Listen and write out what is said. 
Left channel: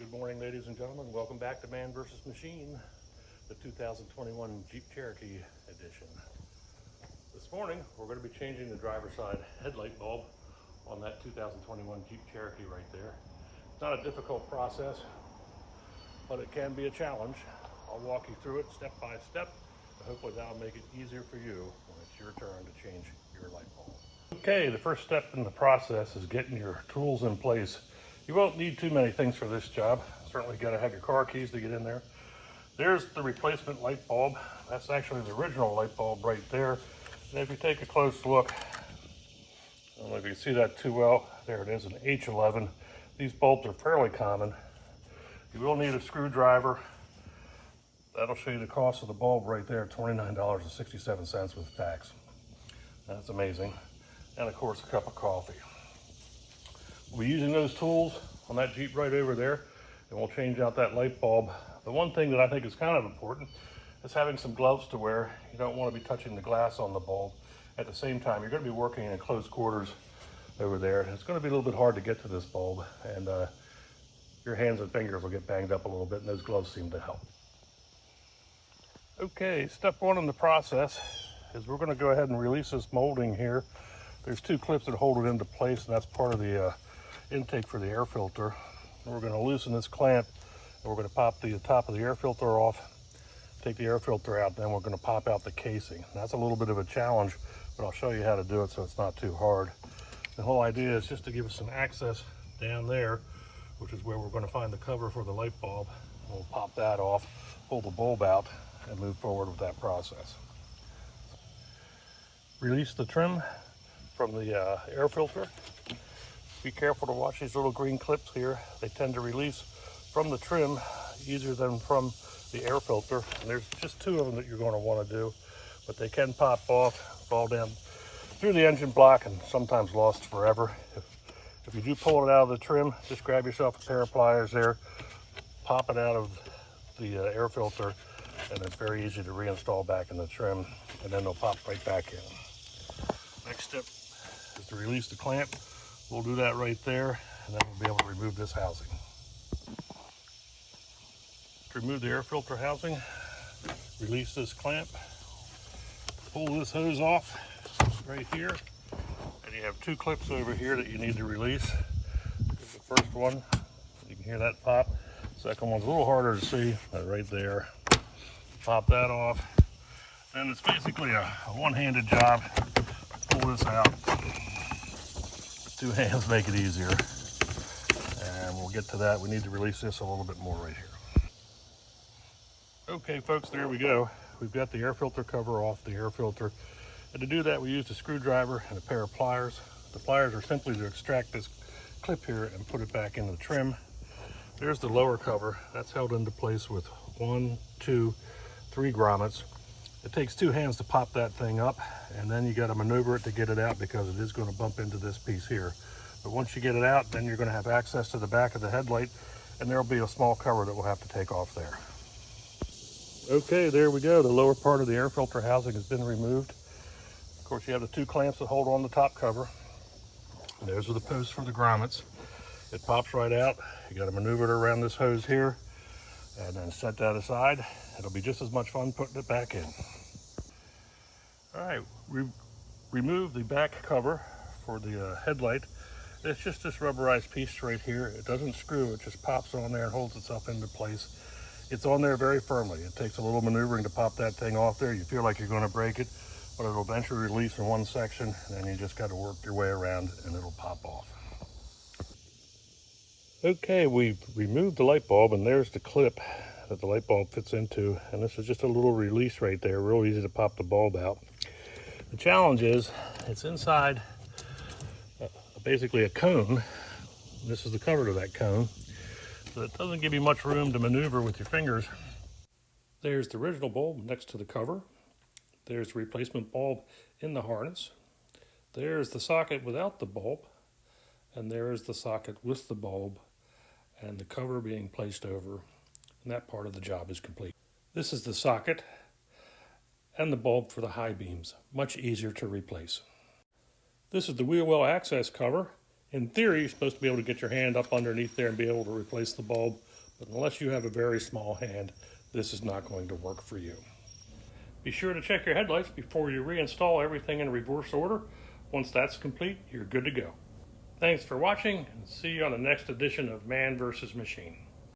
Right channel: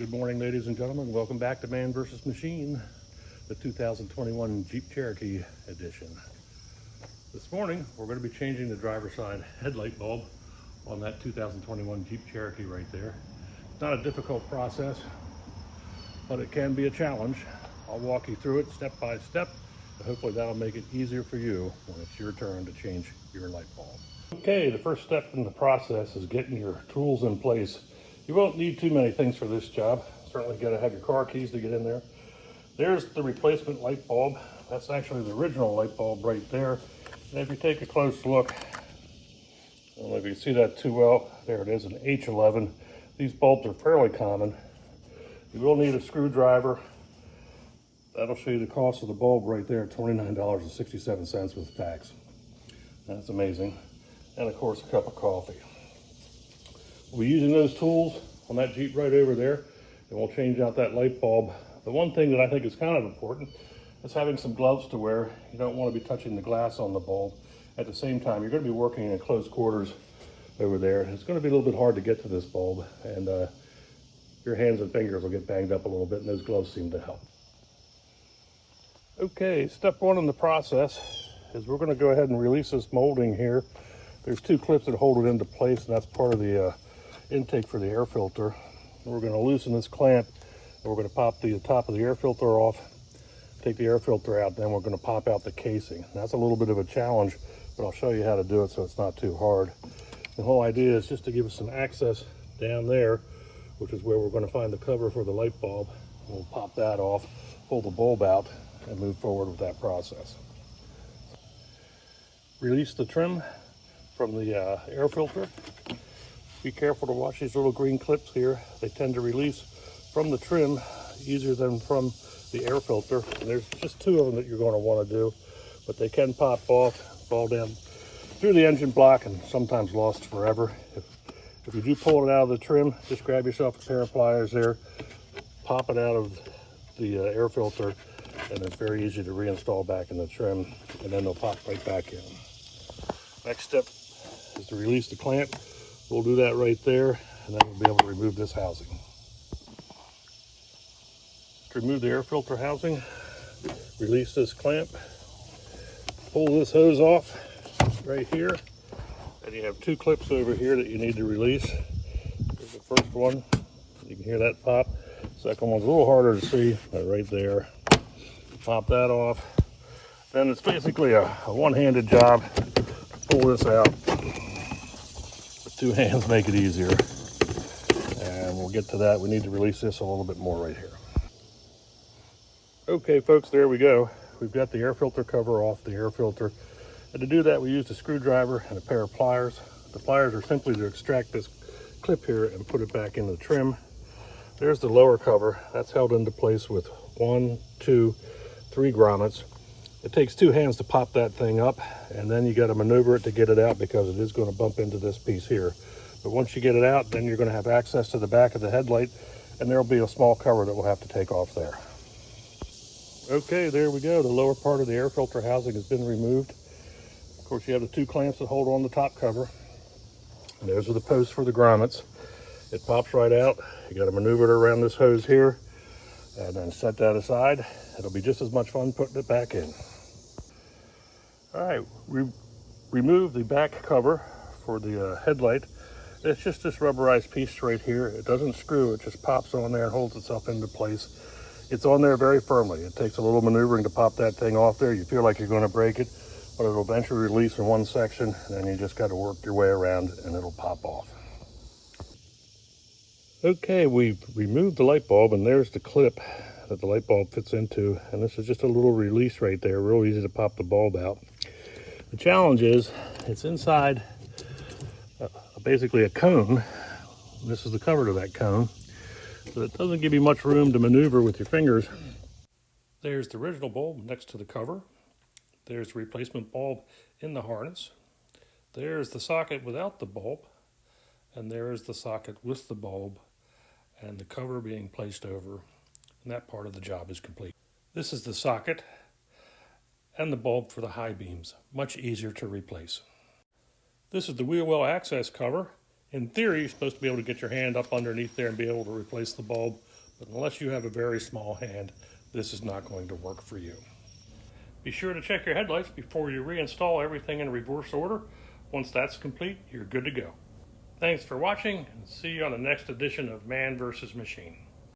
Good morning, ladies and gentlemen. Welcome back to Man vs. Machine, the 2021 Jeep Cherokee edition. This morning, we're going to be changing the driver's side headlight bulb on that 2021 Jeep Cherokee right there. It's not a difficult process, but it can be a challenge. I'll walk you through it step by step, and hopefully that'll make it easier for you when it's your turn to change your light bulb. Okay, the first step in the process is getting your tools in place. You won't need too many things for this job. Certainly got to have your car keys to get in there. There's the replacement light bulb. That's actually the original light bulb right there. And if you take a close look, I don't know if you can see that too well. There it is, an H11. These bulbs are fairly common. You will need a screwdriver. That'll show you the cost of the bulb right there, $29.67 with tax. That's amazing. And of course, a cup of coffee. We'll be using those tools on that Jeep right over there, and we'll change out that light bulb. The one thing that I think is kind of important is having some gloves to wear. You don't want to be touching the glass on the bulb. At the same time, you're going to be working in close quarters over there. It's going to be a little bit hard to get to this bulb, and your hands and fingers will get banged up a little bit, and those gloves seem to help. Okay, step one in the process is we're going to go ahead and release this molding here. There's two clips that hold it into place, and that's part of the intake for the air filter. And we're going to loosen this clamp, and we're going to pop the top of the air filter off, take the air filter out, then we're going to pop out the casing. That's a little bit of a challenge, but I'll show you how to do it so it's not too hard. The whole idea is just to give us some access down there, which is where we're going to find the cover for the light bulb. And we'll pop that off, pull the bulb out, and move forward with that process. Release the trim from the air filter. Be careful to watch these little green clips here. They tend to release from the trim easier than from the air filter. And there's just two of them that you're going to want to do, but they can pop off, fall down through the engine block, and sometimes lost forever. If you do pull it out of the trim, just grab yourself a pair of pliers there, pop it out of the air filter, and it's very easy to reinstall back in the trim, and then they'll pop right back in. Next step is to release the clamp. We'll do that right there, and then we'll be able to remove this housing. To remove the air filter housing, release this clamp, pull this hose off right here, and you have two clips over here that you need to release. Here's the first one. You can hear that pop. Second one's a little harder to see, but right there. Pop that off. Then it's basically a one-handed job. Pull this out. Two hands make it easier. And we'll get to that. We need to release this a little bit more right here. Okay, folks, there we go. We've got the air filter cover off the air filter. And to do that, we used a screwdriver and a pair of pliers. The pliers are simply to extract this clip here and put it back in the trim. There's the lower cover. That's held into place with 1, 2, 3 grommets. It takes two hands to pop that thing up, and then you got to maneuver it to get it out because it is going to bump into this piece here. But once you get it out, then you're going to have access to the back of the headlight, and there'll be a small cover that we'll have to take off there. Okay, there we go. The lower part of the air filter housing has been removed. Of course, you have the two clamps that hold on the top cover. And those are the posts for the grommets. It pops right out. You got to maneuver it around this hose here, and then set that aside. It'll be just as much fun putting it back in. All right, remove the back cover for the headlight. It's just this rubberized piece right here. It doesn't screw, it just pops on there and holds itself into place. It's on there very firmly. It takes a little maneuvering to pop that thing off there. You feel like you're going to break it, but it'll eventually release in one section, and then you just got to work your way around and it'll pop off. Okay, we've removed the light bulb, and there's the clip that the light bulb fits into, and this is just a little release right there, real easy to pop the bulb out. The challenge is it's inside basically a cone. This is the cover to that cone, so it doesn't give you much room to maneuver with your fingers. There's the original bulb next to the cover. There's the replacement bulb in the harness. There's the socket without the bulb, and there's the socket with the bulb and the cover being placed over, and that part of the job is complete. This is the socket and the bulb for the high beams, much easier to replace. This is the wheel well access cover. In theory, you're supposed to be able to get your hand up underneath there and be able to replace the bulb, but unless you have a very small hand, this is not going to work for you. Be sure to check your headlights before you reinstall everything in reverse order. Once that's complete, you're good to go. Thanks for watching, and see you on the next edition of Man vs. Machine.